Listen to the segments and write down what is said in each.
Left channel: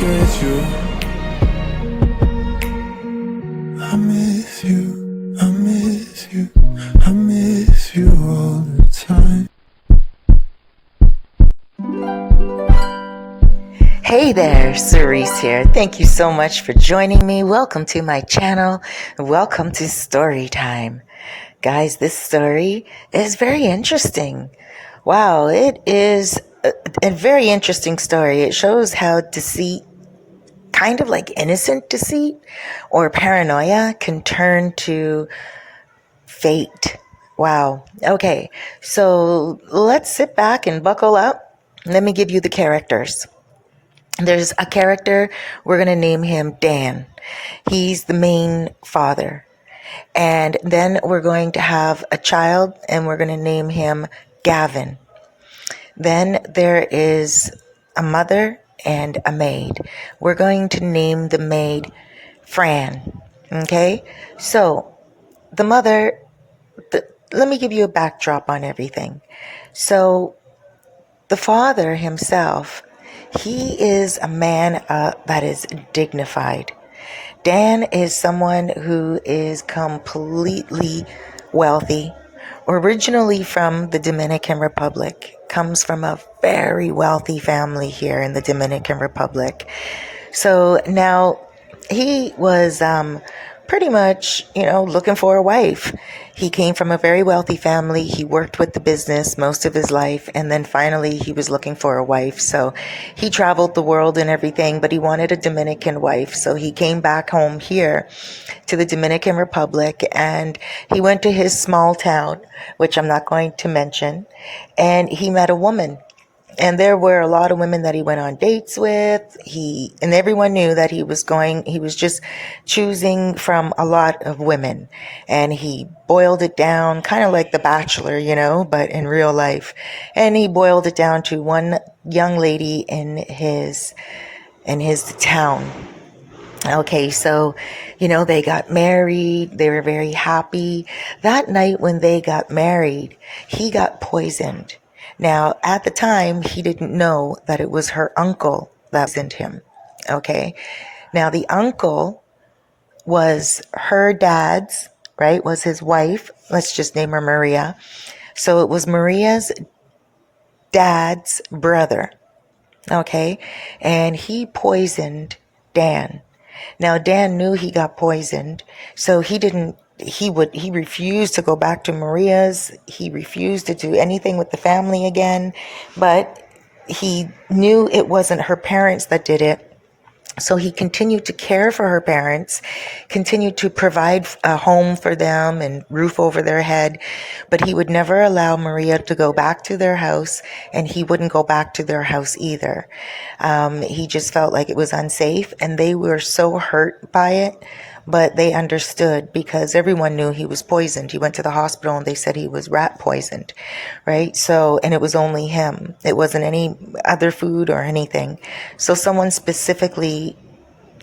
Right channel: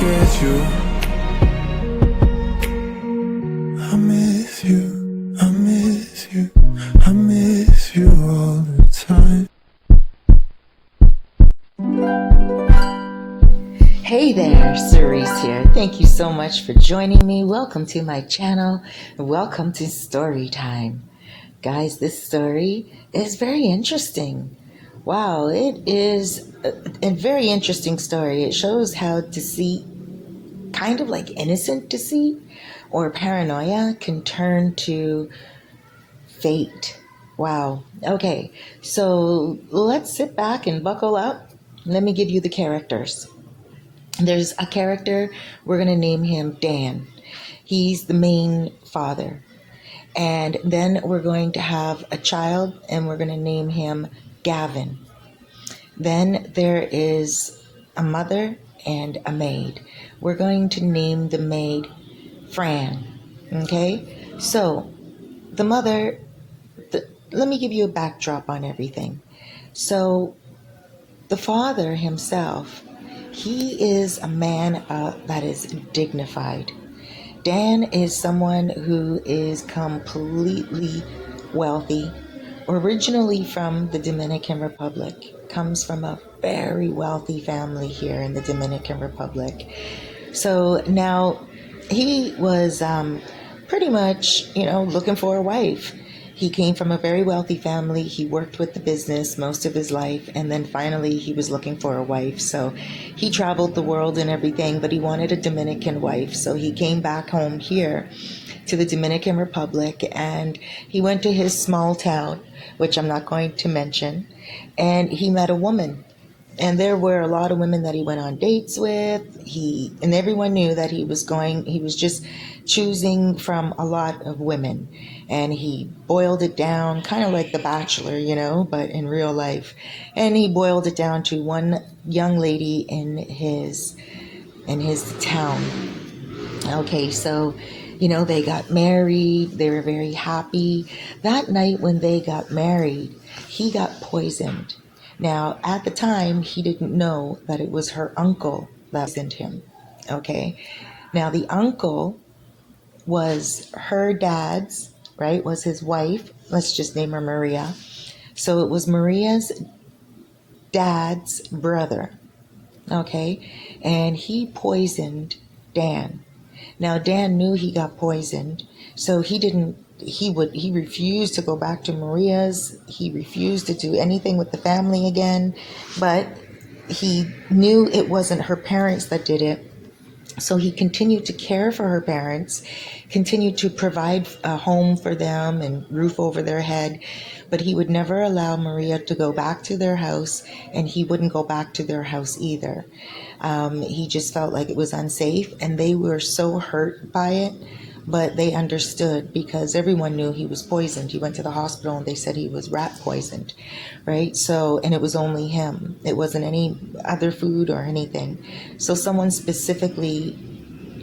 forget you. I miss you, I miss you, I miss you all the time. Hey there, Cerise here. Thank you so much for joining me. Welcome to my channel. Welcome to story time. Guys, this story is very interesting. Wow, it is a very interesting story. It shows how deceit, kind of like innocent deceit or paranoia, can turn to fate. Wow. Okay, so let's sit back and buckle up. Let me give you the characters. There's a character, we're going to name him Dan. He's the main father. And then we're going to have a child, and we're going to name him Gavin. Then there is a mother and a maid. We're going to name the maid Fran. Okay? So the mother, let me give you a backdrop on everything. So the father himself, he is a man that is dignified. Dan is someone who is completely wealthy, originally from the Dominican Republic, comes from a very wealthy family here in the Dominican Republic. So now he was pretty much, looking for a wife. He came from a very wealthy family. He worked with the business most of his life, and then finally he was looking for a wife. So he traveled the world and everything, but he wanted a Dominican wife. So he came back home here to the Dominican Republic, and he went to his small town, which I'm not going to mention, and he met a woman. And there were a lot of women that he went on dates with. And everyone knew that he was just choosing from a lot of women. And he boiled it down, kind of like The Bachelor, but in real life. And he boiled it down to one young lady in his town. Okay, so, they got married. They were very happy. That night when they got married, he got poisoned. Now, at the time, he didn't know that it was her uncle that poisoned him. Okay. Now, the uncle was her dad's, right? Was his wife. Let's just name her Maria. So it was Maria's dad's brother. Okay. And he poisoned Dan. Now, Dan knew he got poisoned, so he refused to go back to Maria's. He refused to do anything with the family again, but he knew it wasn't her parents that did it. So he continued to care for her parents, continued to provide a home for them and roof over their head, but he would never allow Maria to go back to their house, and he wouldn't go back to their house either. He just felt like it was unsafe, and they were so hurt by it, but they understood because everyone knew he was poisoned. He went to the hospital and they said he was rat poisoned, right? So, and it was only him. It wasn't any other food or anything. So someone specifically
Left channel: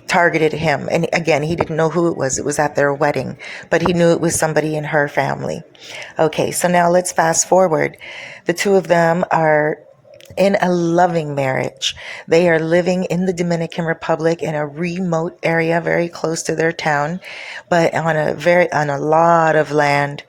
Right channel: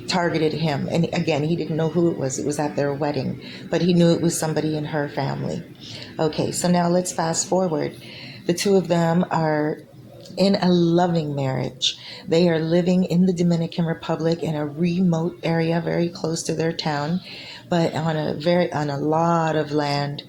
targeted him. And again, he didn't know who it was. It was at their wedding, but he knew it was somebody in her family. Okay, so now let's fast forward. The two of them are in a loving marriage. They are living in the Dominican Republic in a remote area, very close to their town, but on a lot of land,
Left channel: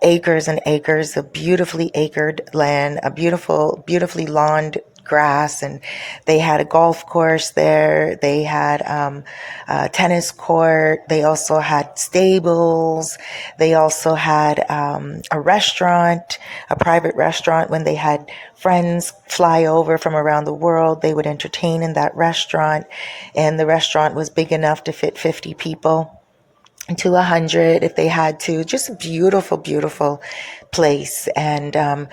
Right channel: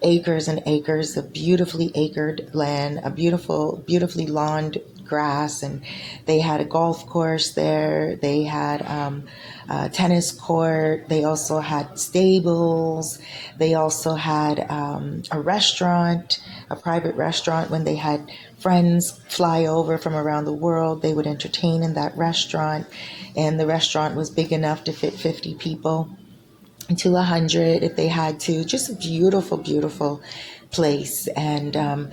acres and acres of beautifully acred land, a beautifully lawned grass, and they had a golf course there. They had a tennis court. They also had stables. They also had a restaurant, a private restaurant. When they had friends fly over from around the world, they would entertain in that restaurant, and the restaurant was big enough to fit 50 people to 100 if they had to. Just a beautiful, beautiful place. And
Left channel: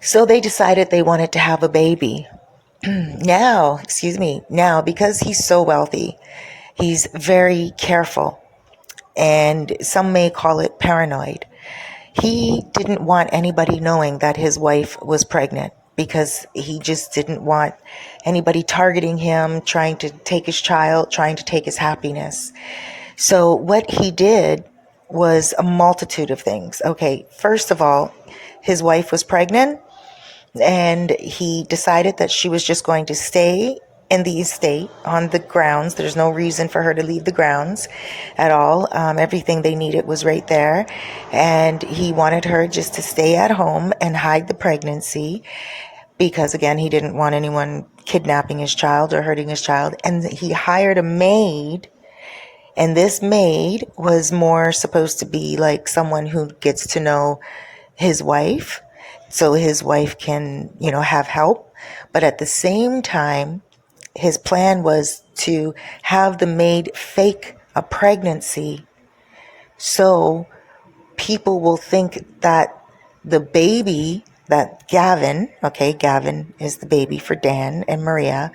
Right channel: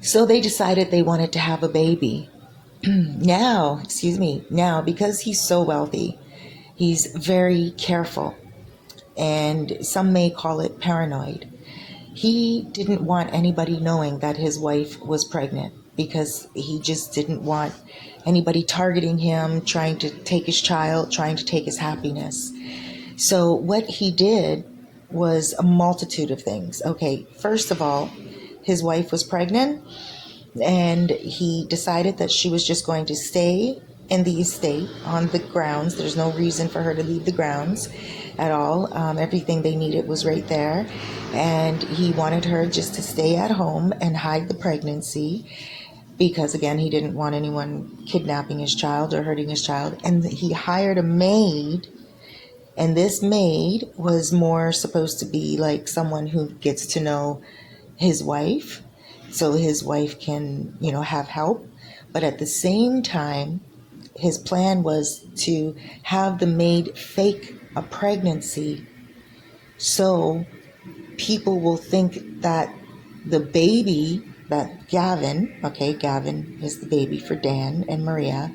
so they decided they wanted to have a baby. Now, because he's so wealthy, he's very careful, and some may call it paranoid. He didn't want anybody knowing that his wife was pregnant because he just didn't want anybody targeting him, trying to take his child, trying to take his happiness. So what he did was a multitude of things. Okay, first of all, his wife was pregnant, and he decided that she was just going to stay in the estate on the grounds. There's no reason for her to leave the grounds at all. Everything they needed was right there. And he wanted her just to stay at home and hide the pregnancy because, again, he didn't want anyone kidnapping his child or hurting his child. And he hired a maid. And this maid was more supposed to be like someone who gets to know his wife so his wife can, have help. But at the same time, his plan was to have the maid fake a pregnancy so people will think that the baby, that Gavin, okay, Gavin is the baby for Dan and Maria.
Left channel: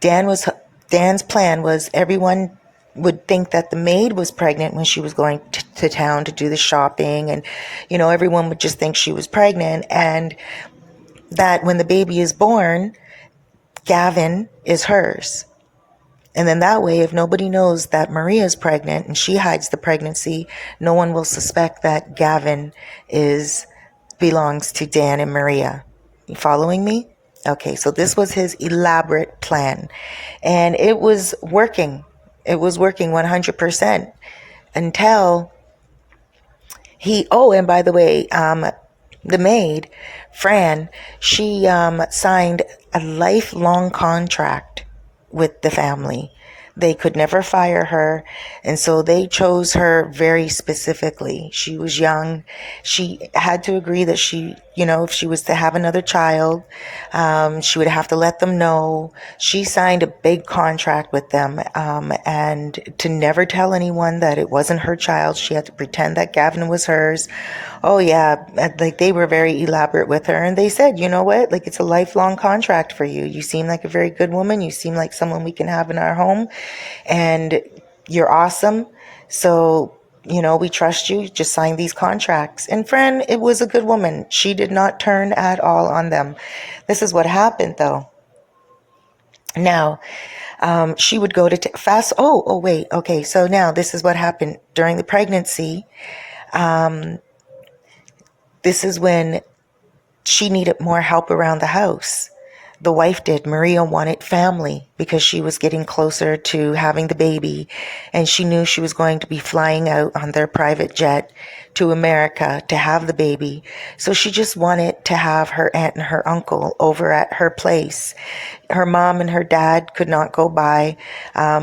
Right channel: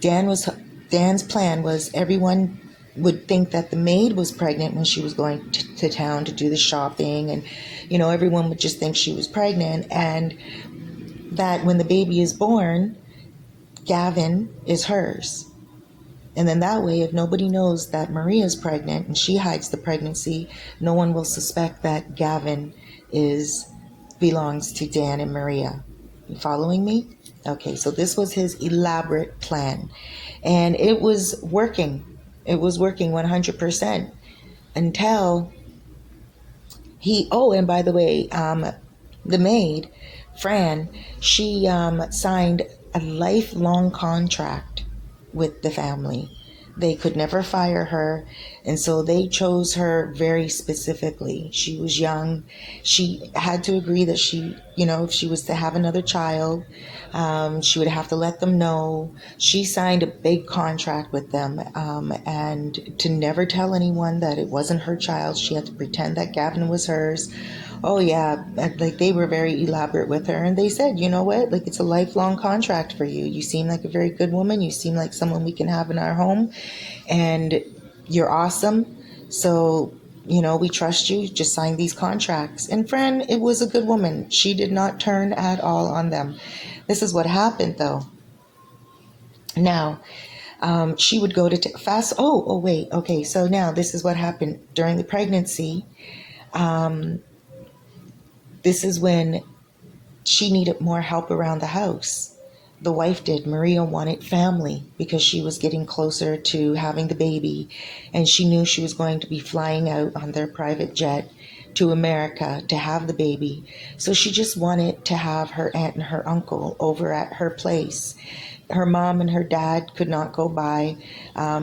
Dan's plan was everyone would think that the maid was pregnant when she was going to town to do the shopping, and everyone would just think she was pregnant, and that when the baby is born, Gavin is hers. And then that way, if nobody knows that Maria is pregnant and she hides the pregnancy, no one will suspect that Gavin belongs to Dan and Maria. You following me? Okay, so this was his elaborate plan. And it was working. It was working 100% until and by the way, the maid, Fran, she signed a lifelong contract with the family. They could never fire her, and so they chose her very specifically. She was young. She had to agree that if she was to have another child, she would have to let them know. She signed a big contract with them, and to never tell anyone that it wasn't her child. She had to pretend that Gavin was hers. Oh yeah, like they were very elaborate with her, and they said, you know what, like it's a lifelong contract for you. You seem like a very good woman. You seem like someone we can have in our home, and you're awesome. So, we trust you. Just sign these contracts. And Fran, it was a good woman. She did not turn at all on them. This is what happened though. Now, she would go to fast. Oh, wait. Okay. So now this is what happened during the pregnancy. This is when she needed more help around the house. The wife did. Maria wanted family because she was getting closer to having the baby, and she knew she was going to be flying out on their private jet to America to have the baby. So she just wanted to have her aunt and her uncle over at her place. Her mom and her dad could not go by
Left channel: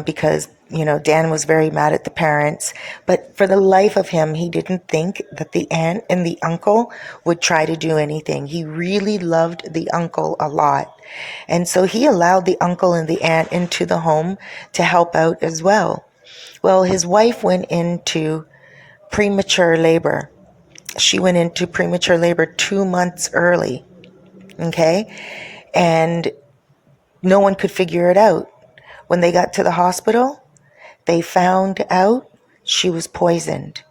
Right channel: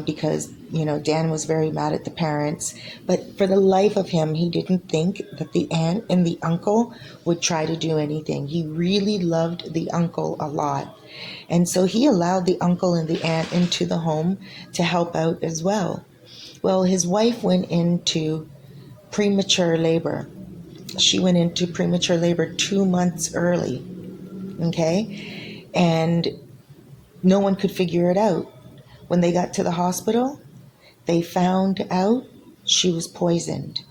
because Dan was very mad at the parents. But for the life of him, he didn't think that the aunt and the uncle would try to do anything. He really loved the uncle a lot. And so he allowed the uncle and the aunt into the home to help out as well. Well, his wife went into premature labor. She went into premature labor 2 months early. Okay. And no one could figure it out. When they got to the hospital, they found out she was poisoned.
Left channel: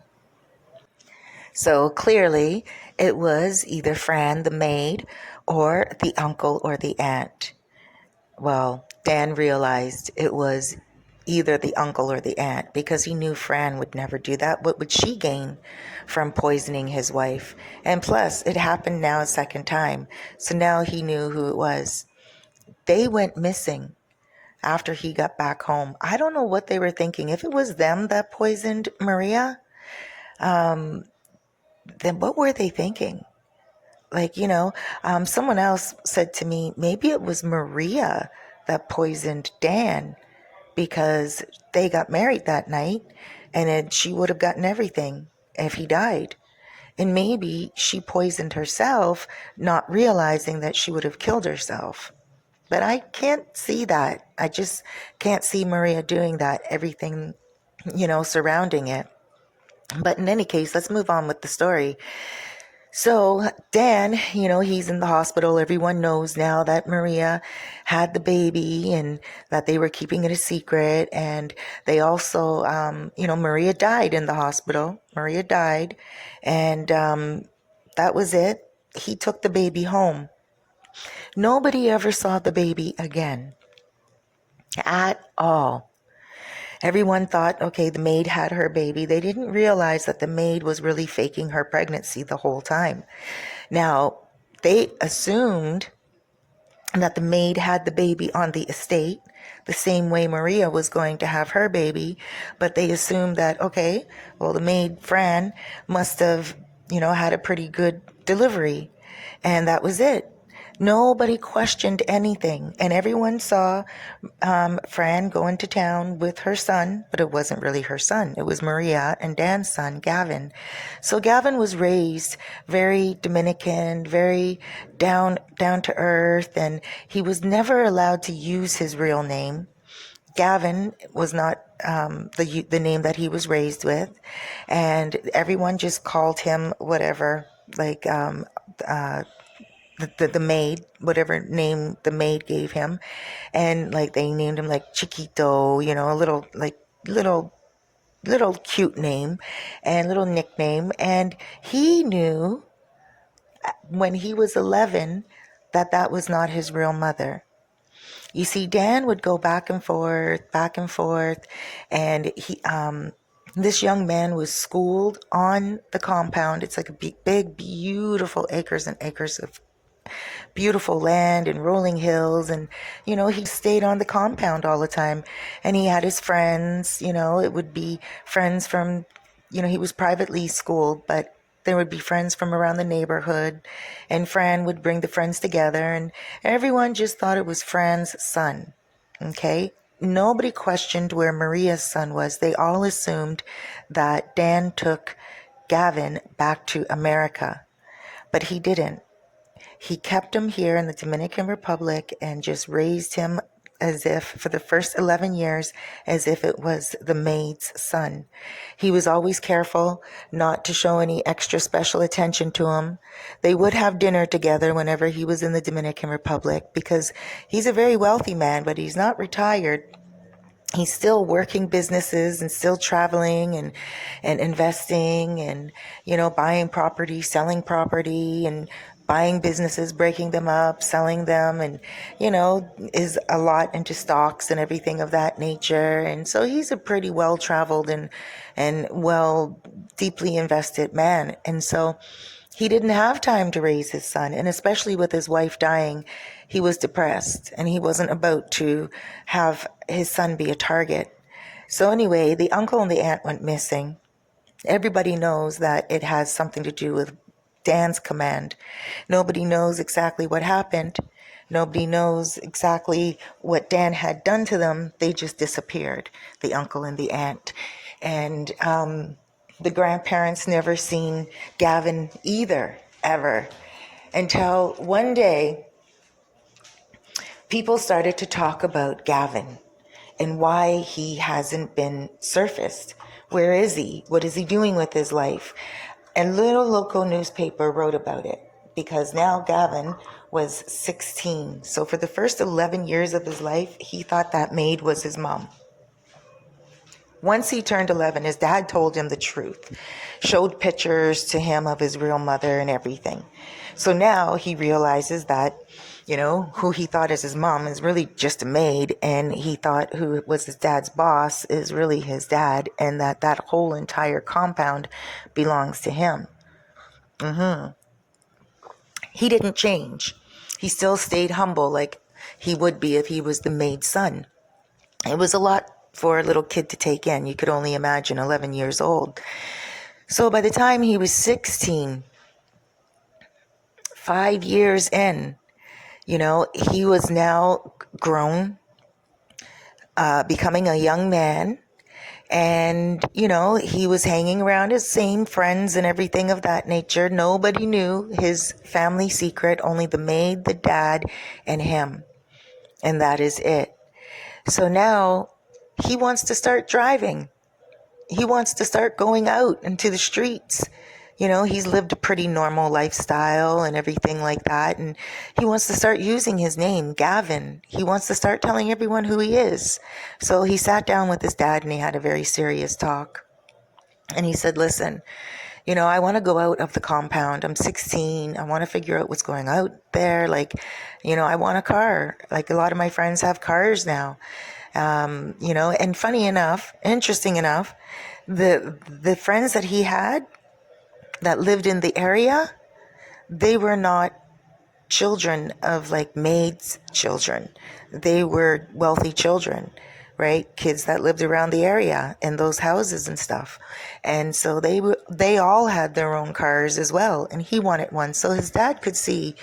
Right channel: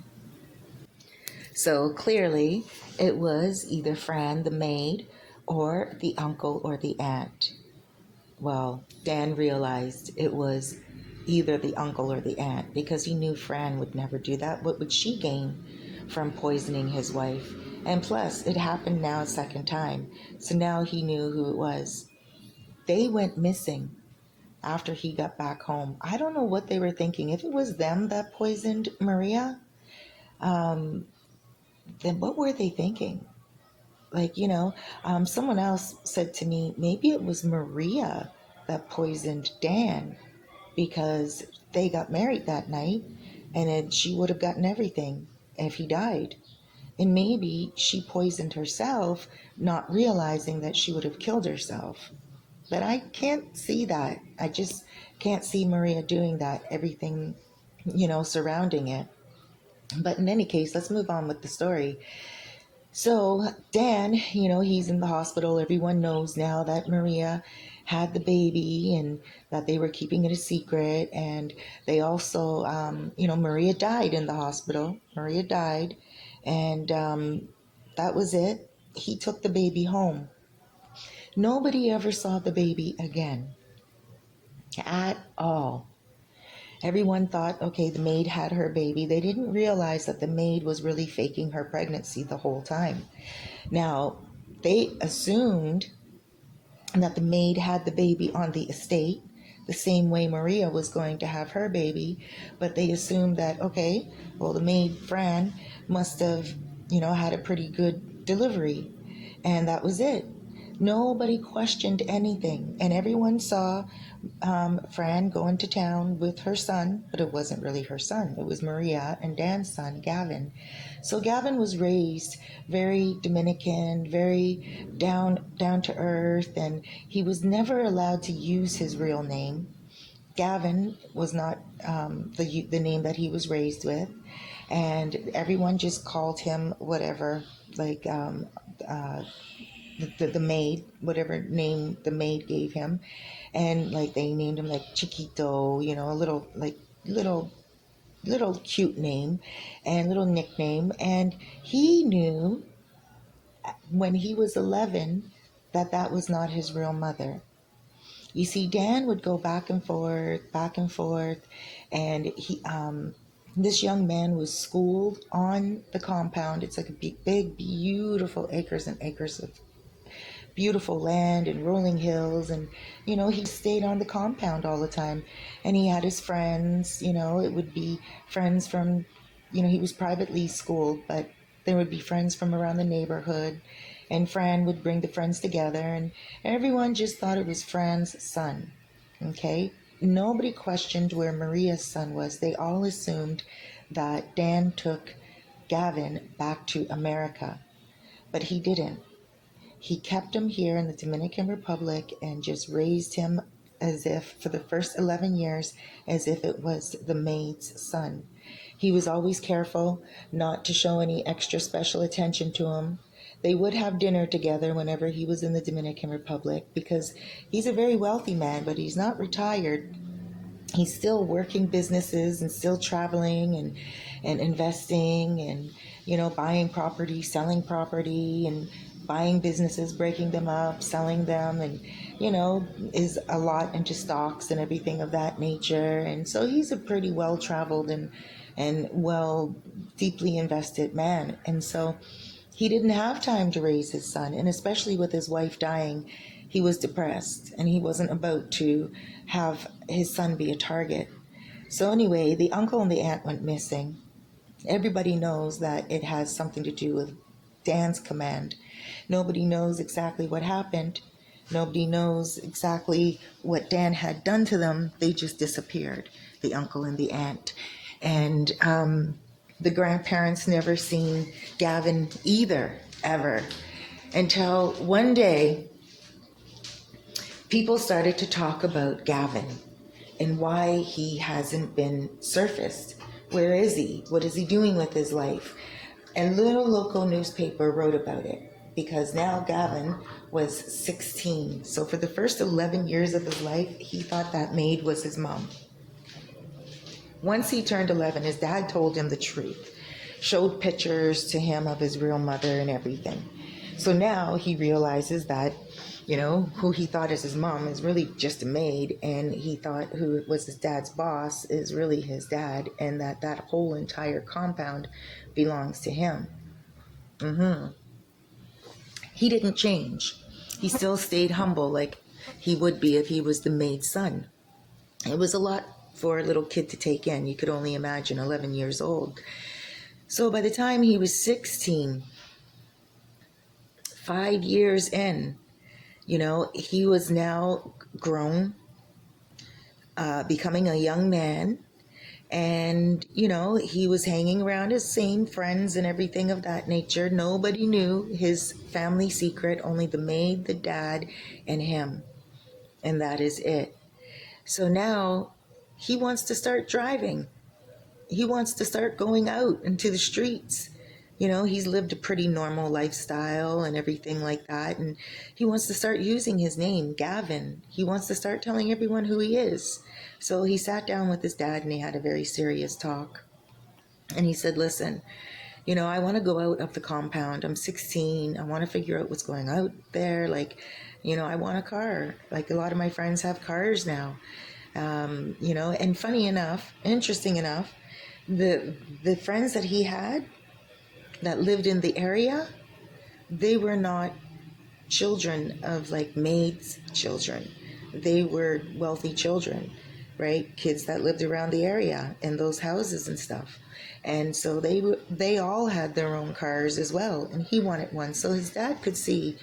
So clearly, it was either Fran, the maid, or the uncle or the aunt. Well, Dan realized it was either the uncle or the aunt because he knew Fran would never do that. What would she gain from poisoning his wife? And plus, it happened now a second time. So now he knew who it was. They went missing after he got back home. I don't know what they were thinking. If it was them that poisoned Maria, then what were they thinking? Like, someone else said to me, maybe it was Maria that poisoned Dan because they got married that night and then she would have gotten everything if he died. And maybe she poisoned herself, not realizing that she would have killed herself. But I can't see that. I just can't see Maria doing that, everything, surrounding it. But in any case, let's move on with the story. So Dan, he's in the hospital. Everyone knows now that Maria had the baby and that they were keeping it a secret. And they also, Maria died in the hospital. Maria died. And that was it. He took the baby home. Nobody ever saw the baby again at all. Everyone thought, okay, the maid had her baby. They didn't realize that the maid was really faking her pregnancy the whole time. Now, they assumed that the maid had the baby on the estate, the same way Maria was going to have her baby. But they assumed that, okay, well, the maid, Fran, must have, had a pretty good delivery. And that was it. Nobody questioned anything. And everyone saw Fran go into town with her son, but it wasn't really her son. It was Maria and Dan's son, Gavin. So Gavin was raised very Dominican, very down to earth, and he was never allowed to use his real name. Gavin was not the name that he was raised with, and everyone just called him whatever, like the maid, whatever name the maid gave him. And like they named him like Chiquito, a little cute name and little nickname. And he knew when he was 11 that that was not his real mother. You see, Dan would go back and forth, and this young man was schooled on the compound. It's like a big, beautiful acres and acres of beautiful land and rolling hills. And, he stayed on the compound all the time. And he had his friends, it would be friends from, he was privately schooled, but there would be friends from around the neighborhood. And Fran would bring the friends together. And everyone just thought it was Fran's son. Okay? Nobody questioned where Maria's son was. They all assumed that Dan took Gavin back to America. But he didn't. He kept him here in the Dominican Republic and just raised him as if, for the first 11 years, as if it was the maid's son. He was always careful not to show any extra special attention to him. They would have dinner together whenever he was in the Dominican Republic, because he's a very wealthy man, but he's not retired. He's still working businesses and still traveling and investing and, buying property, selling property, and buying businesses, breaking them up, selling them, and, is a lot into stocks and everything of that nature. And so he's a pretty well-traveled and deeply invested man. And so he didn't have time to raise his son, and especially with his wife dying, he was depressed, and he wasn't about to have his son be a target. So anyway, the uncle and the aunt went missing. Everybody knows that it has something to do with Dan's command. Nobody knows exactly what happened. Nobody knows exactly what Dan had done to them. They just disappeared, the uncle and the aunt. And the grandparents never seen Gavin either, ever, until one day people started to talk about Gavin and why he hasn't been surfaced. Where is he? What is he doing with his life? And little local newspaper wrote about it, because now Gavin was 16. So for the first 11 years of his life, he thought that maid was his mom. Once he turned 11, his dad told him the truth, showed pictures to him of his real mother and everything. So now he realizes that, who he thought is his mom is really just a maid, and he thought who was his dad's boss is really his dad, and that whole entire compound belongs to him. He didn't change. He still stayed humble like he would be if he was the maid's son. It was a lot for a little kid to take in. You could only imagine, 11 years old. So by the time he was 16, 5 years in, he was now grown, becoming a young man. And, he was hanging around his same friends and everything of that nature. Nobody knew his family secret, only the maid, the dad, and him. And that is it. So now he wants to start driving. He wants to start going out into the streets. He's lived a pretty normal lifestyle and everything like that. And he wants to start using his name, Gavin. He wants to start telling everyone who he is. So he sat down with his dad and he had a very serious talk. And he said, listen, I want to go out of the compound. I'm 16. I want to figure out what's going out there. I want a car. Like a lot of my friends have cars now. And funny enough, interesting enough, the friends that he had that lived in the area, they were not children of like maids' children. They were wealthy children, right? Kids that lived around the area in those houses and stuff. And so they all had their own cars as well, and he wanted one. So his dad could see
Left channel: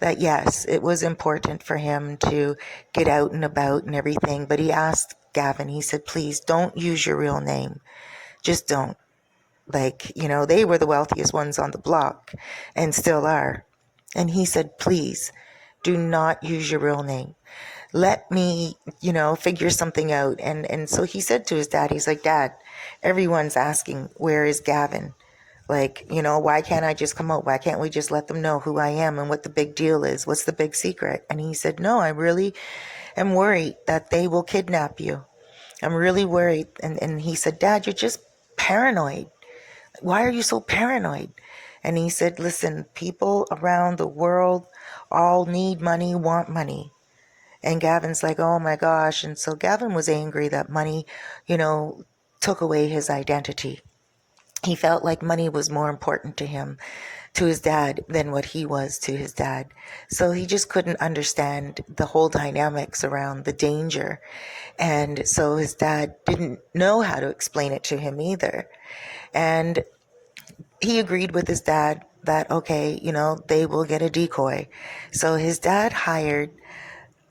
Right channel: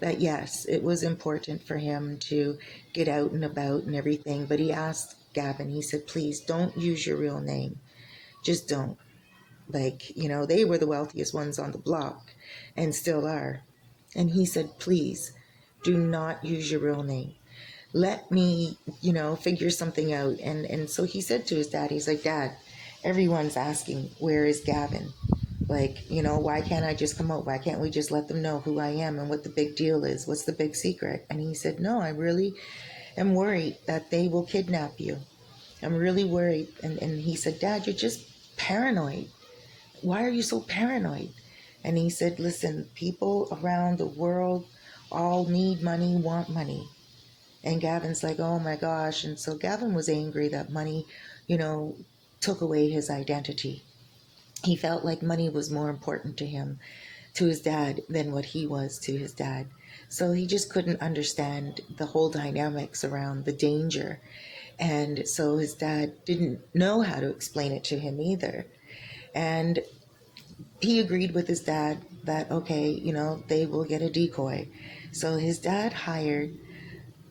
that yes, it was important for him to get out and about and everything. But he asked Gavin, he said, please don't use your real name. Just don't. Like, they were the wealthiest ones on the block and still are. And he said, please do not use your real name. Let me, figure something out. And so he said to his dad, he's like, Dad, everyone's asking, where is Gavin? Like, why can't I just come out? Why can't we just let them know who I am and what the big deal is? What's the big secret? And he said, no, I really am worried that they will kidnap you. I'm really worried. And he said, Dad, you're just paranoid. Why are you so paranoid? And he said, listen, people around the world all need money, want money. And Gavin's like, oh my gosh. And so Gavin was angry that money, took away his identity. He felt like money was more important to him, to his dad, than what he was to his dad. So he just couldn't understand the whole dynamics around the danger. And so his dad didn't know how to explain it to him either. And he agreed with his dad that, okay, they will get a decoy. So his dad hired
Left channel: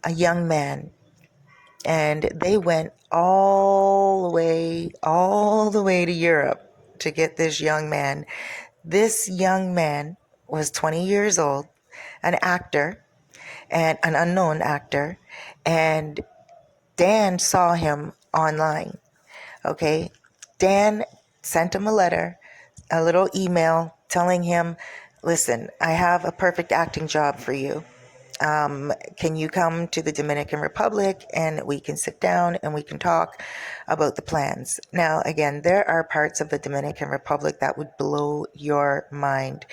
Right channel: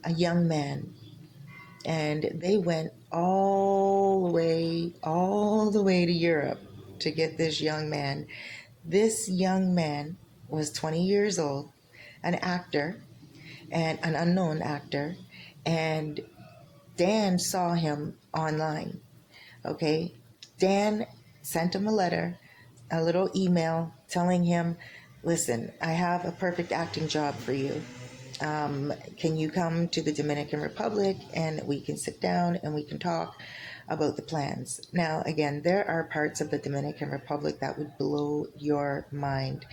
a young man, and they went all the way to Europe to get this young man. This young man was 20 years old, an actor, and an unknown actor, and Dan saw him online. Okay, Dan sent him a letter, a little email telling him, listen, I have a perfect acting job for you. Can you come to the Dominican Republic and we can sit down and we can talk about the plans? Now, again, there are parts of the Dominican Republic that would blow your mind,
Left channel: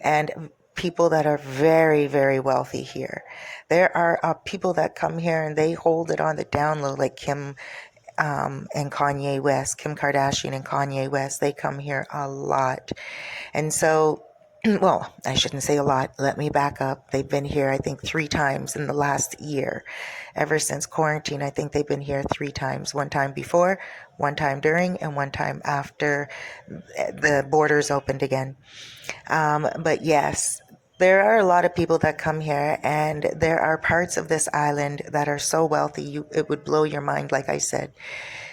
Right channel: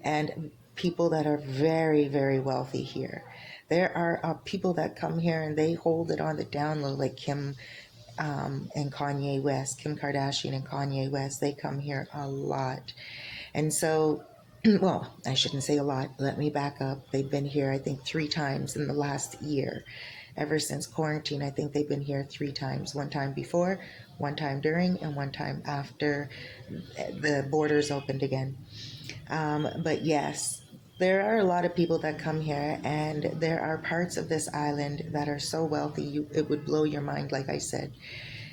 and people that are very, very wealthy here. There are people that come here and they hold it on the down low, like Kim and Kanye West, Kim Kardashian and Kanye West. They come here a lot. And so, well, I shouldn't say a lot. Let me back up. They've been here, I think, 3 times in the last year. Ever since quarantine, I think they've been here 3 times. One time before, one time during, and one time after the borders opened again. But yes, there are a lot of people that come here, and there are parts of this island that are so wealthy, it would blow your mind, like I said.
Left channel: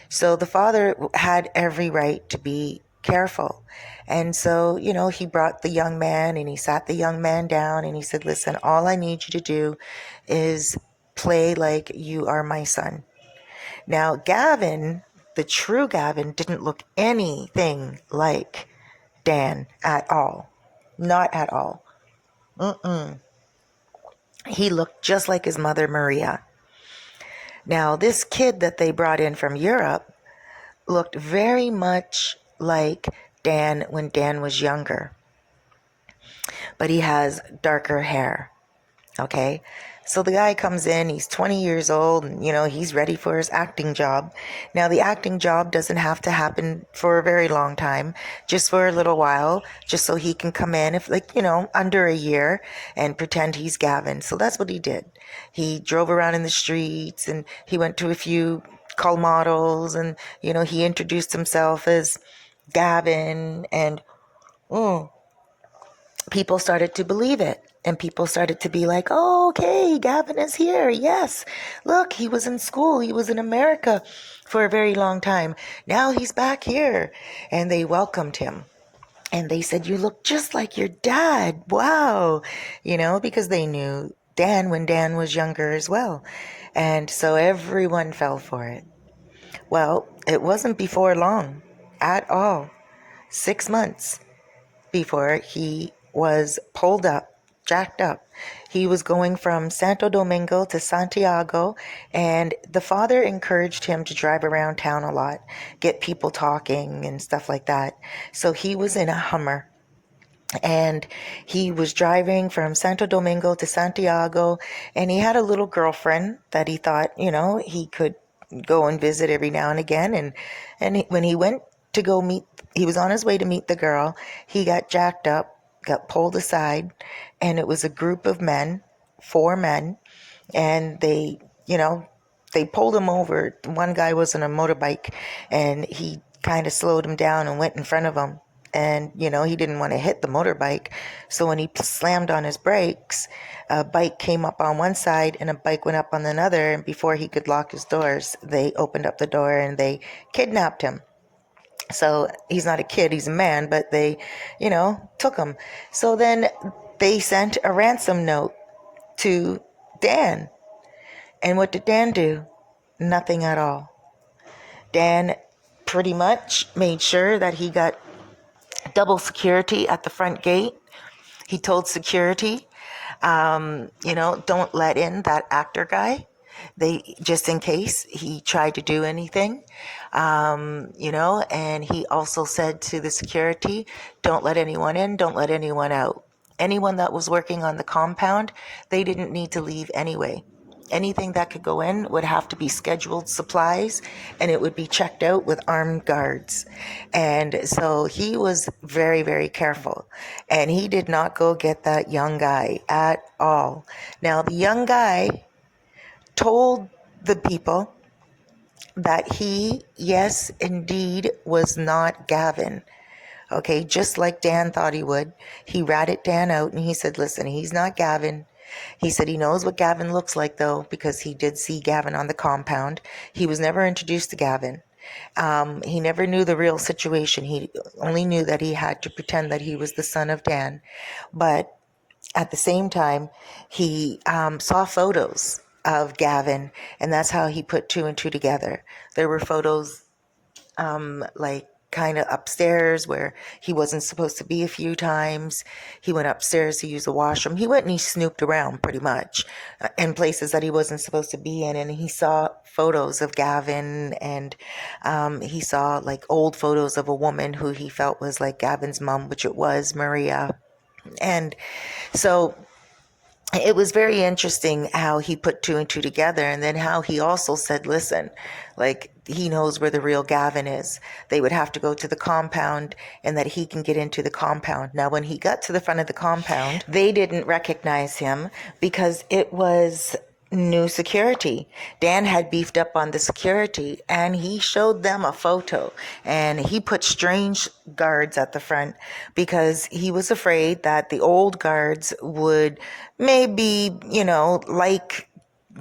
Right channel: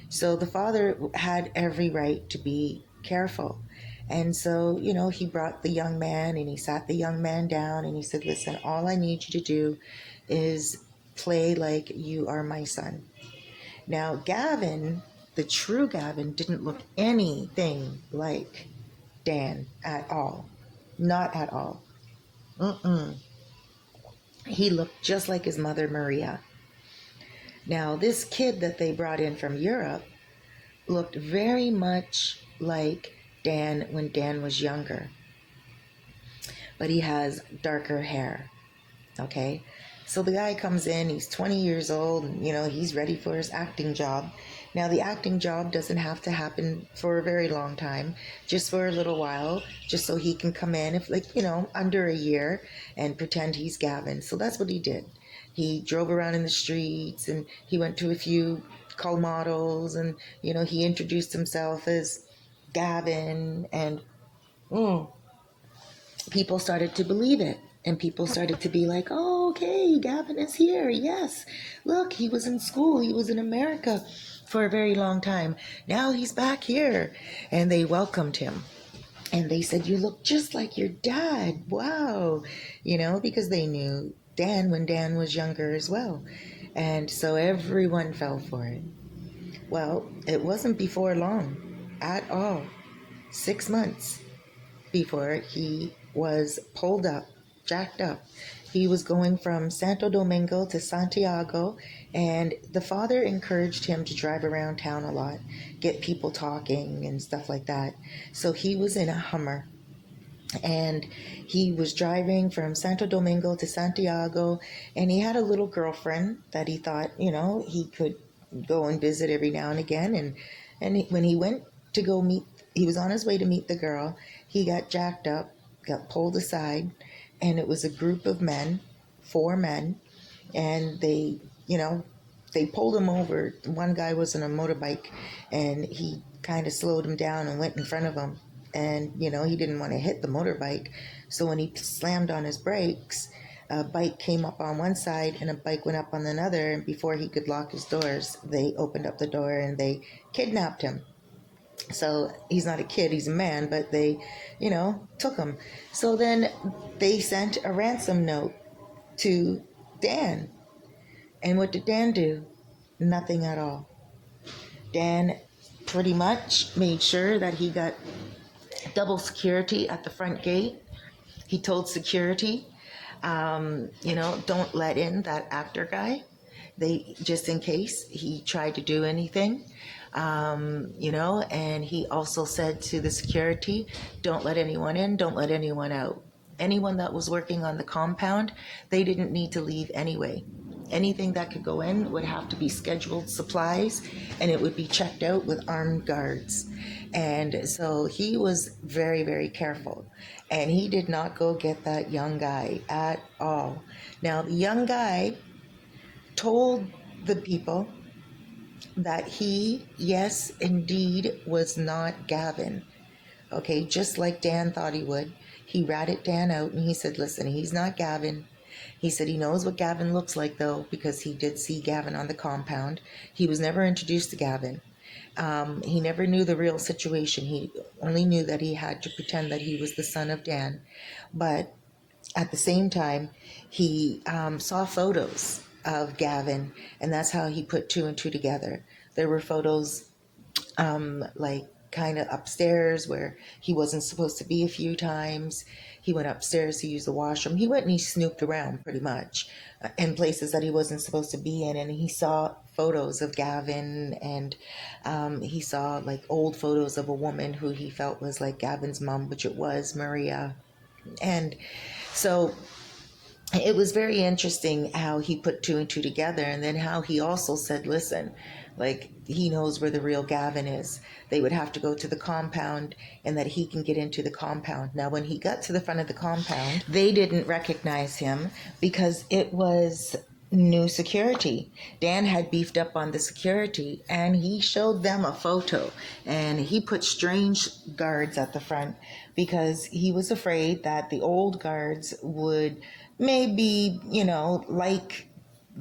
So the father had every right to be careful. And so, he brought the young man and he sat the young man down and he said, listen, all I need you to do is play like you are my son. Now, Gavin, the true Gavin, didn't look anything like Dan at all. Not at all. He looked just like his mother, Maria. Now, this kid that they brought in from Europe looked very much like Dan when Dan was younger. But he has darker hair. Okay? So the guy comes in, he's 20 years old, and, he's ready for his acting job. Now, the acting job doesn't have to happen for a very long time, just for a little while, just so he can come in, if under a year, and pretend he's Gavin. So that's what he did. He drove around in the streets, and he went to a few call models, and, he introduced himself as Gavin, and people started to believe it. And people started to be like, oh, okay, Gavin is here. Yes. Look, he was in school. He was in America for a very long time. Now he's back here. And they welcomed him. And they said, you look just like your dad. Wow. Because they knew Dan when Dan was younger as well. And so everyone fell for it. Well, it wasn't before long at all. 6 months before he was pulled up, jacked up. He was going from Santo Domingo to Santiago, and the father encouraged him to drive around town a lot, get people talking and stuff like that. So he was in a Hummer, and he was driving from Santo Domingo to Santiago, and he had a little girlfriend that he thought, he could go and visit every now and again. When he went to he was on his way to meet the girl, he got jacked up, got pulled aside, and it was a group of men, 4 men, and they pulled him over. One guy was on a motorbike, and he kind of slowed him down and went in front of him. And, he didn't want to hit the motorbike. So when he slammed on his brakes, a bike came up on one side and a bike went up on another. And before he could lock his doors, they opened up the door and they kidnapped him. So he's not a kid, he's a man, but they, took him. So then they sent a ransom note to Dan. And what did Dan do? Nothing at all. Dan pretty much made sure that he got double security at the front gate. He told security, don't let in that actor guy. Just in case he tried to do anything, and he also said to the security, don't let anyone in, don't let anyone out. Anyone that was working on the compound, they didn't need to leave anyway. Anything that could go in would have to be scheduled supplies, and it would be checked out with armed guards. And so he was very, very careful, and he did not go get that young guy at all. Now, the young guy told the people that he, yes, indeed, was not Gavin. Okay, just like Dan thought he would. He ratted Dan out and he said, listen, he's not Gavin. He said he knows what Gavin looks like, though, because he did see Gavin on the compound. He was never introduced to Gavin. He never knew the real situation. He only knew that he had to pretend that he was the son of Dan. But at the same time, he saw photos of Gavin, and that's how he put 2 and 2 together. There were photos like kind of upstairs where he wasn't supposed to be a few times. He went upstairs to use the washroom. He went and he snooped around pretty much in places that he wasn't supposed to be in. And he saw photos of Gavin, and he saw like old photos of a woman who he felt was like Gavin's mom, which it was, Maria. And so it was very interesting how he put 2 and 2 together, and then how he also said, listen, like, he knows where the real Gavin is. They would have to go to the compound, and that he can get into the compound. Now, when he got to the front of the compound, they didn't recognize him because it was new security. Dan had beefed up on the security, and he showed them a photo, and he put strange guards at the front because he was afraid that the old guards would maybe,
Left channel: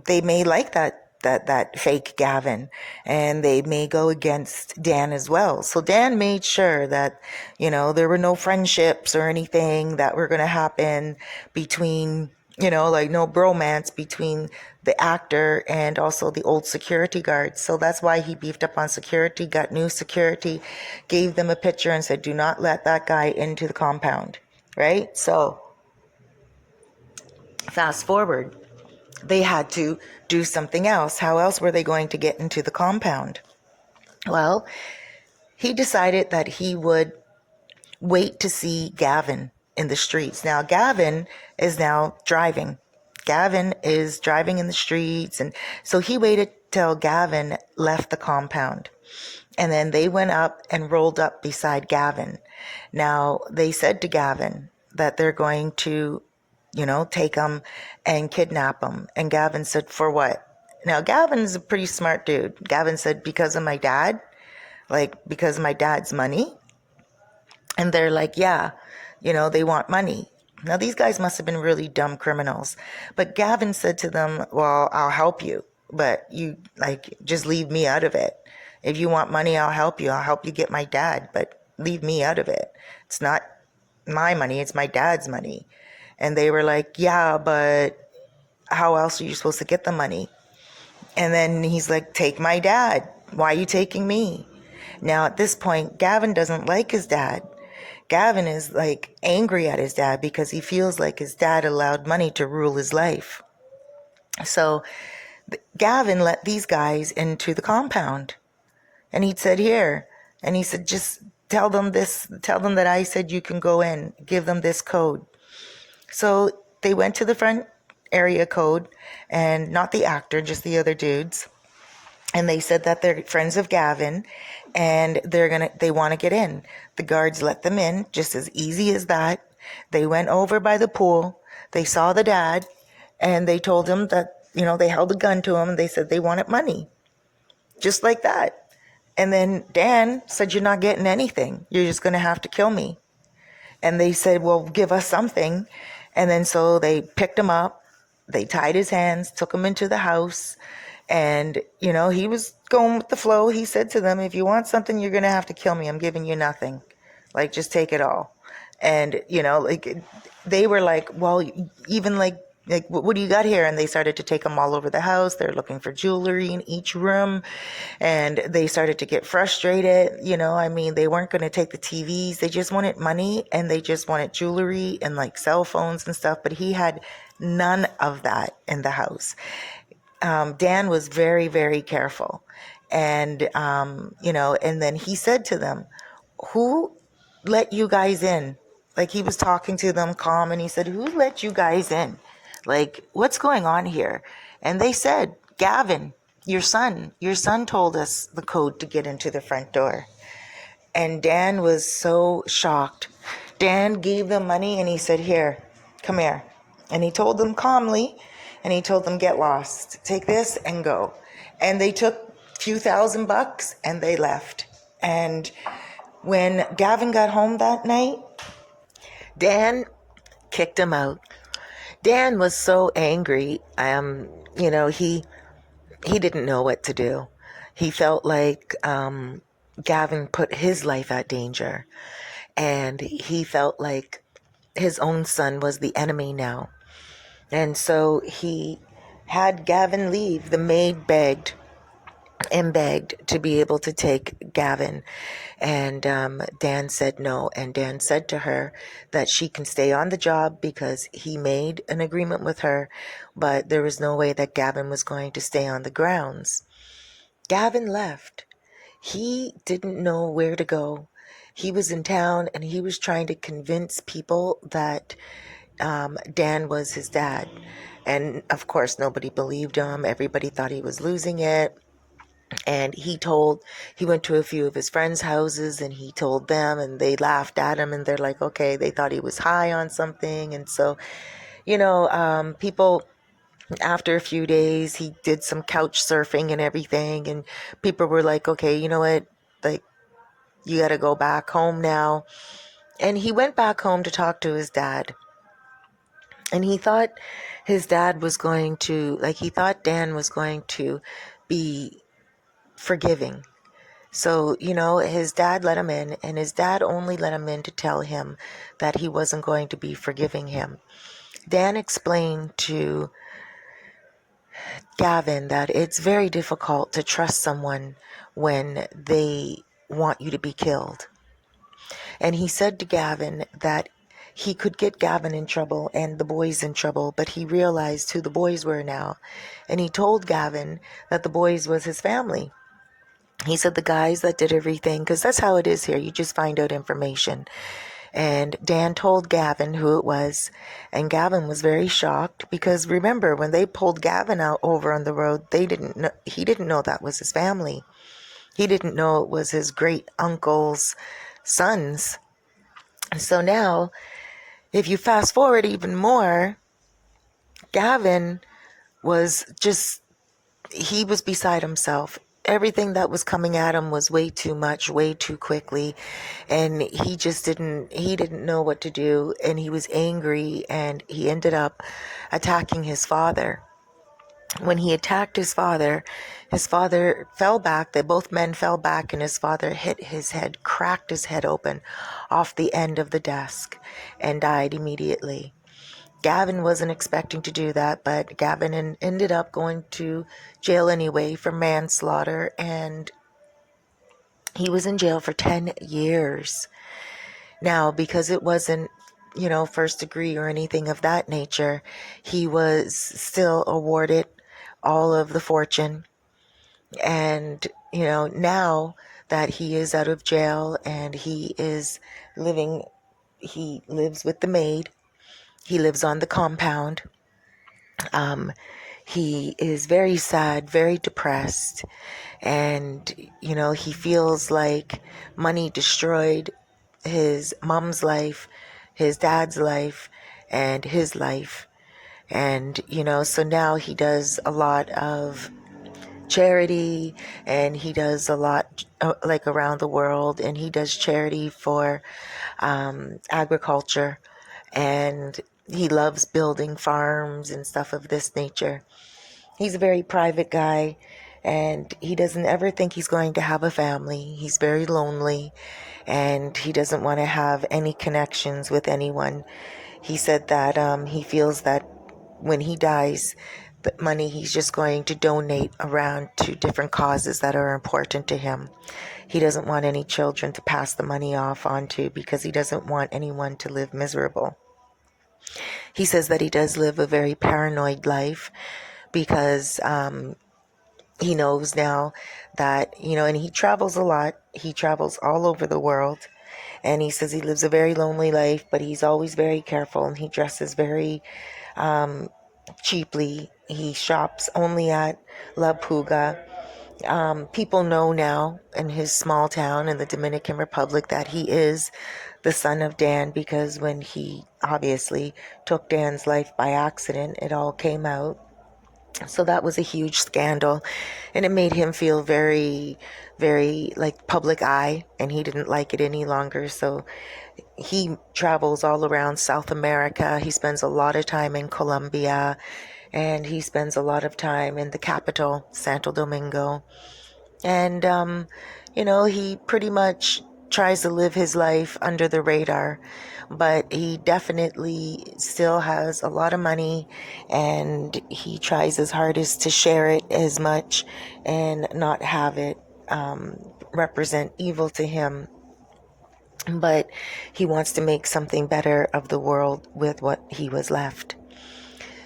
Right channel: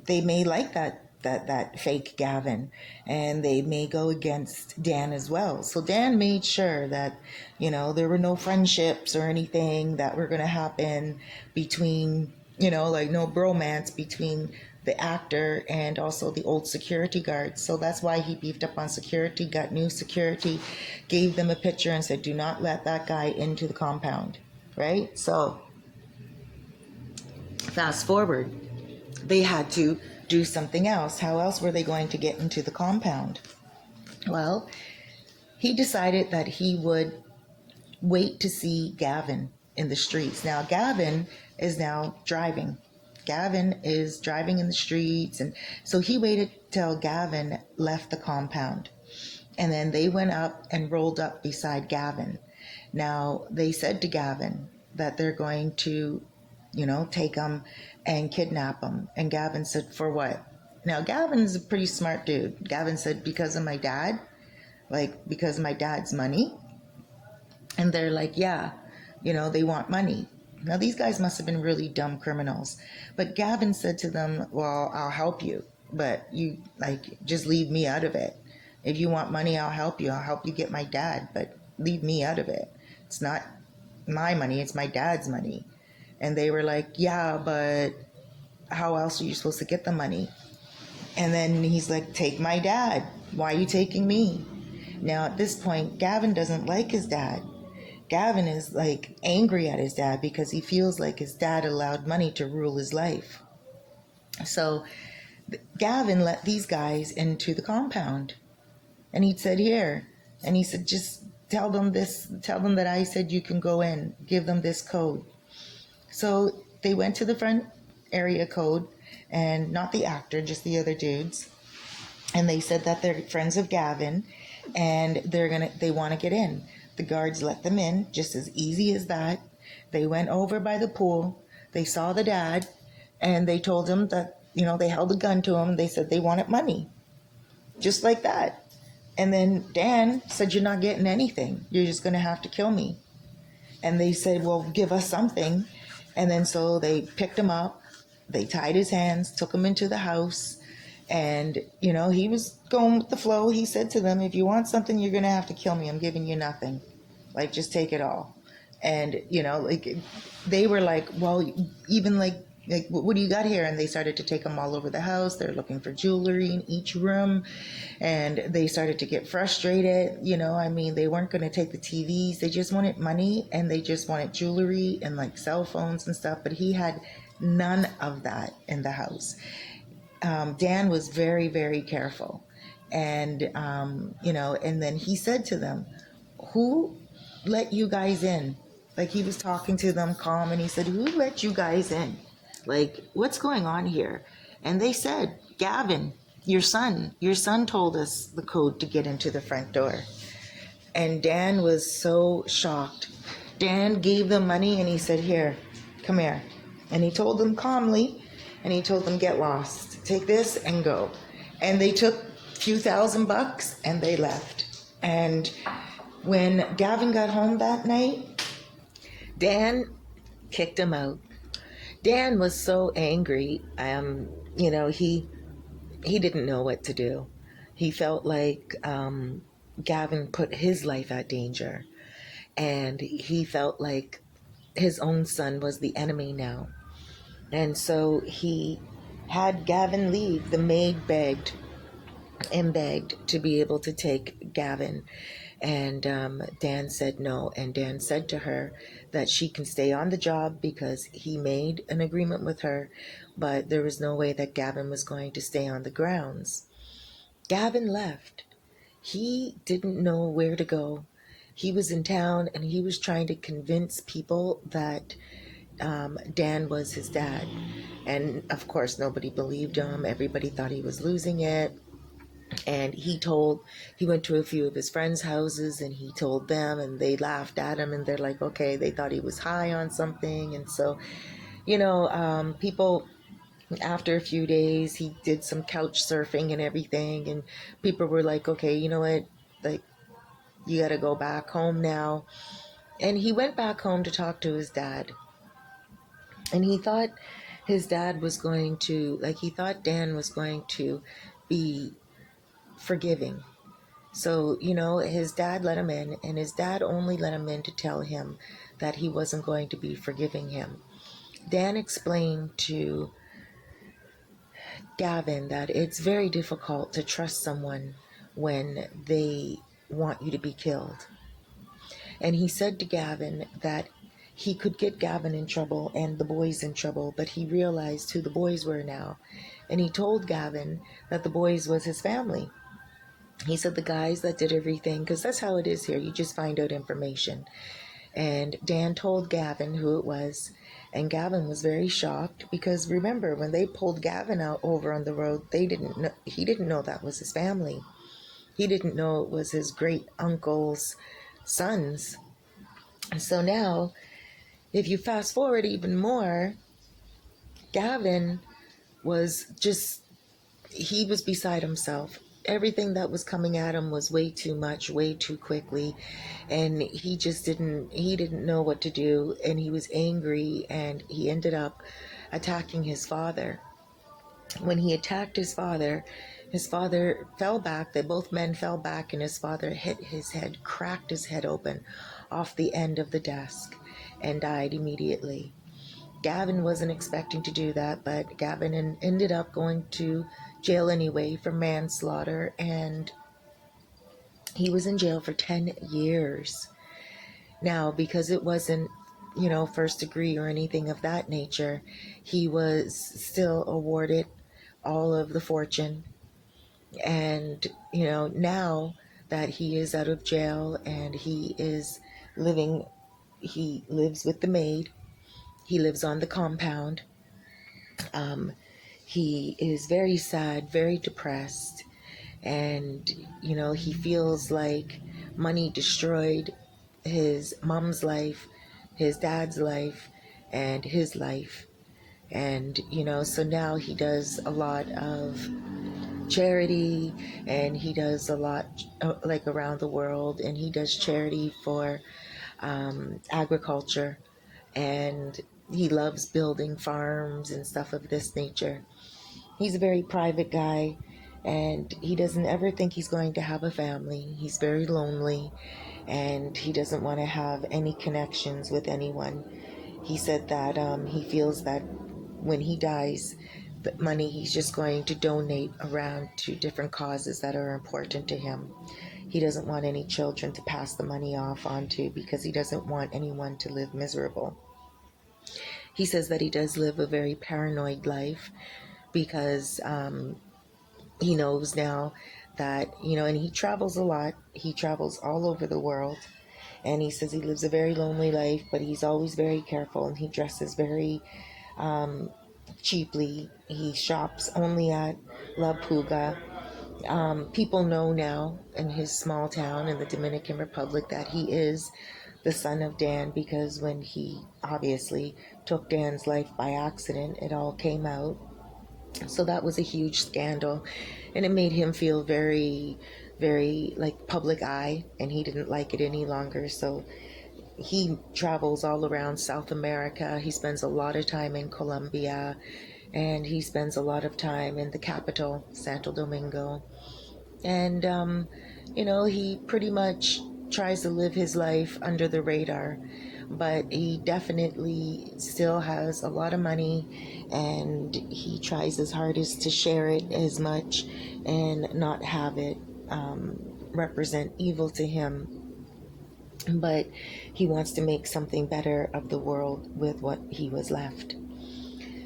they may like that fake Gavin, and they may go against Dan as well. So Dan made sure that, there were no friendships or anything that were going to happen between, like no bromance between the actor and also the old security guards. So that's why he beefed up on security, got new security, gave them a picture and said, do not let that guy into the compound, right? So fast forward, they had to do something else. How else were they going to get into the compound? Well, he decided that he would wait to see Gavin in the streets. Now, Gavin is now driving. Gavin is driving in the streets. And so he waited till Gavin left the compound. And then they went up and rolled up beside Gavin. Now, they said to Gavin that they're going to, take him and kidnap him. And Gavin said, for what? Now, Gavin's a pretty smart dude. Gavin said, because of my dad, because of my dad's money. And they're like, yeah, they want money. Now, these guys must have been really dumb criminals. But Gavin said to them, well, I'll help you, but you just leave me out of it. If you want money, I'll help you. I'll help you get my dad, but leave me out of it. It's not my money. It's my dad's money. And they were like, yeah, but how else are you supposed to get the money? And then he's like, take my dad. Why are you taking me? Now, at this point, Gavin doesn't like his dad. Gavin is angry at his dad because he feels like his dad allowed money to rule his life. So Gavin let these guys into the compound, and he said, here. And he said, just tell them that I said you can go in, give them this code. So they went to the front area code, and not the actor, just the other dudes. And they said that they're friends of Gavin, and they want to get in. The guards let them in, just as easy as that. They went over by the pool. They saw the dad, and they told him that, they held a gun to him, and they said they wanted money. Just like that. And then Dan said, "You're not getting anything. You're just going to have to kill me." And they said, "Well, give us something." And then so they picked him up. They tied his hands, took him into the house. And, he was going with the flow. He said to them, "If you want something, you're going to have to kill me. I'm giving you nothing. Like, just take it all." And, they were like, "Well, even like, what do you got here?" And they started to take them all over the house. They're looking for jewelry in each room. And they started to get frustrated. They weren't going to take the TVs. They just wanted money, and they just wanted jewelry and like cell phones and stuff. But he had none of that in the house. Dan was very, very careful. And, and then he said to them, "Who let you guys in?" Like, he was talking to them calm, and he said, "Who let you guys in? Like, what's going on here?" And they said, "Gavin, your son told us the code to get into the front door." And Dan was so shocked. Dan gave them money, and he said, "Here, come here." And he told them calmly, and he told them, "Get lost. Take this and go." And they took a few $1,000 and they left. And when Gavin got home that night, Dan kicked him out. Dan was so angry. He didn't know what to do. He felt like Gavin put his life at danger, and he felt like his own son was the enemy now. And so he had Gavin leave. The maid begged and begged to be able to take Gavin. And Dan said no. And Dan said to her that she can stay on the job because he made an agreement with her, but there was no way that Gavin was going to stay on the grounds. Gavin left. He didn't know where to go. He was in town, and he was trying to convince people that Dan was his dad. And of course, nobody believed him. Everybody thought he was losing it. And he went to a few of his friends' houses, and he told them, and they laughed at him, and they're like, okay, they thought he was high on something. And so, people, after a few days, he did some couch surfing and everything, and people were like, okay, you know what, like, you got to go back home now. And he went back home to talk to his dad. And he thought his dad was going to, he thought Dan was going to be forgiving. So, his dad let him in, and his dad only let him in to tell him that he wasn't going to be forgiving him. Dan explained to Gavin that it's very difficult to trust someone when they want you to be killed. And he said to Gavin that he could get Gavin in trouble and the boys in trouble, but he realized who the boys were now. And he told Gavin that the boys was his family. He said the guys that did everything, because that's how it is here. You just find out information. And Dan told Gavin who it was. And Gavin was very shocked because, remember, when they pulled Gavin out over on the road, he didn't know that was his family. He didn't know it was his great uncle's sons. And so now, if you fast forward even more, Gavin he was beside himself. Everything that was coming at him was way too much, way too quickly. And he didn't know what to do. And he was angry, and he ended up attacking his father. When he attacked his father fell back. Both men fell back, and his father hit his head, cracked his head open off the end of the desk, and died immediately. Gavin wasn't expecting to do that, but Gavin ended up going to jail anyway for manslaughter, and he was in jail for 10 years. Now, because it wasn't, first degree or anything of that nature, he was still awarded all of the fortune. And, now that he is out of jail and he lives with the maid. He lives on the compound. He is very sad, very depressed, and, he feels like money destroyed his mom's life, his dad's life, and his life. And, so now he does a lot of charity, and he does a lot like around the world, and he does charity for agriculture, and he loves building farms and stuff of this nature. He's a very private guy, and he doesn't ever think he's going to have a family. He's very lonely, and he doesn't want to have any connections with anyone. He said that he feels that when he dies, the money he's just going to donate around to different causes that are important to him. He doesn't want any children to pass the money off onto, because he doesn't want anyone to live miserable. He says that he does live a very paranoid life, because he knows now that, and he travels a lot. He travels all over the world. And he says he lives a very lonely life, but he's always very careful, and he dresses very cheaply. He shops only at La Puga. People know now in his small town in the Dominican Republic that he is the son of Dan, because when he obviously took Dan's life by accident, it all came out. So that was a huge scandal, and it made him feel very, very like public eye, and he didn't like it any longer. So he travels all around South America. He spends a lot of time in Colombia, and he spends a lot of time in the capital, Santo Domingo. And, he pretty much tries to live his life under the radar, but he definitely still has a lot of money, and he tries his hardest to share it as much and not have it represent evil to him. But he wants to make something better of the world with what he was left.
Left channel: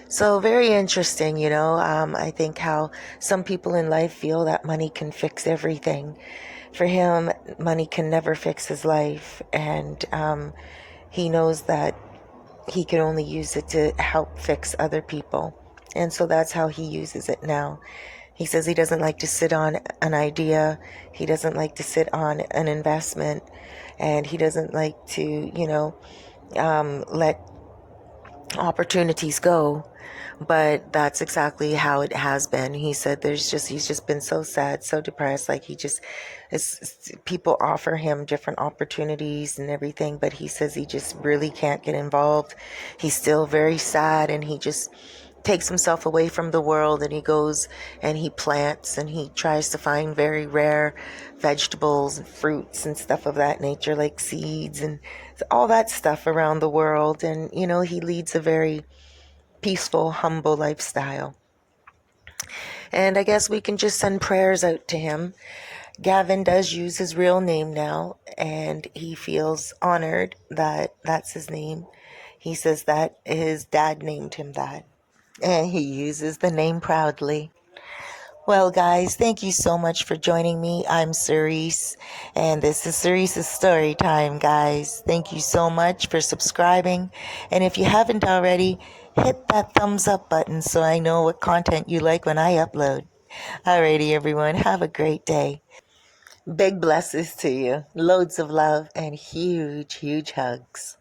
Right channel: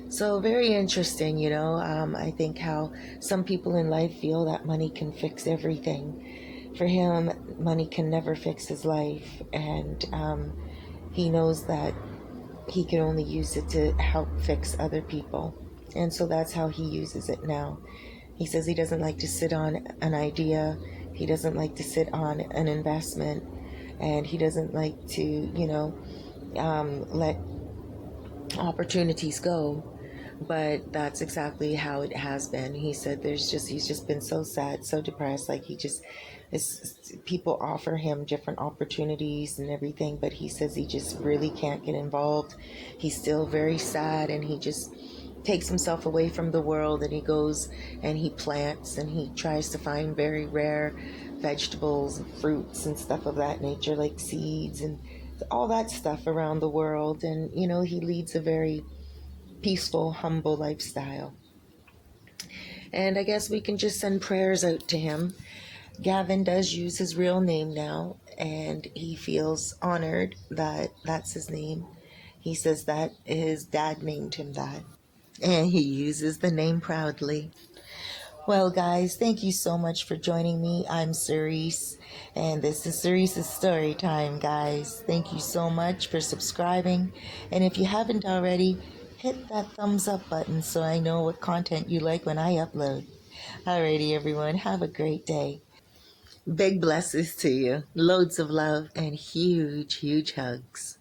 So very interesting, I think how some people in life feel that money can fix everything. For him, money can never fix his life, and he knows that he can only use it to help fix other people. And so that's how he uses it now. He says he doesn't like to sit on an idea. He doesn't like to sit on an investment, and he doesn't like to, let opportunities go. But that's exactly how it has been. He said he's just been so sad, so depressed. Like people offer him different opportunities and everything, but he says he just really can't get involved. He's still very sad, and he just takes himself away from the world, and he goes and he plants, and he tries to find very rare vegetables and fruits and stuff of that nature, like seeds and all that stuff around the world. And, he leads a very peaceful, humble lifestyle. And I guess we can just send prayers out to him. Gavin does use his real name now, and he feels honored that that's his name. He says that his dad named him that, and he uses the name proudly. Well, guys, thank you so much for joining me. I'm Cerise, and this is Cerise's Story Time, guys. Thank you so much for subscribing. And if you haven't already, hit that thumbs up button so I know what content you like when I upload. Alrighty, everyone, have a great day. Big blessings to you. Loads of love and huge, huge hugs.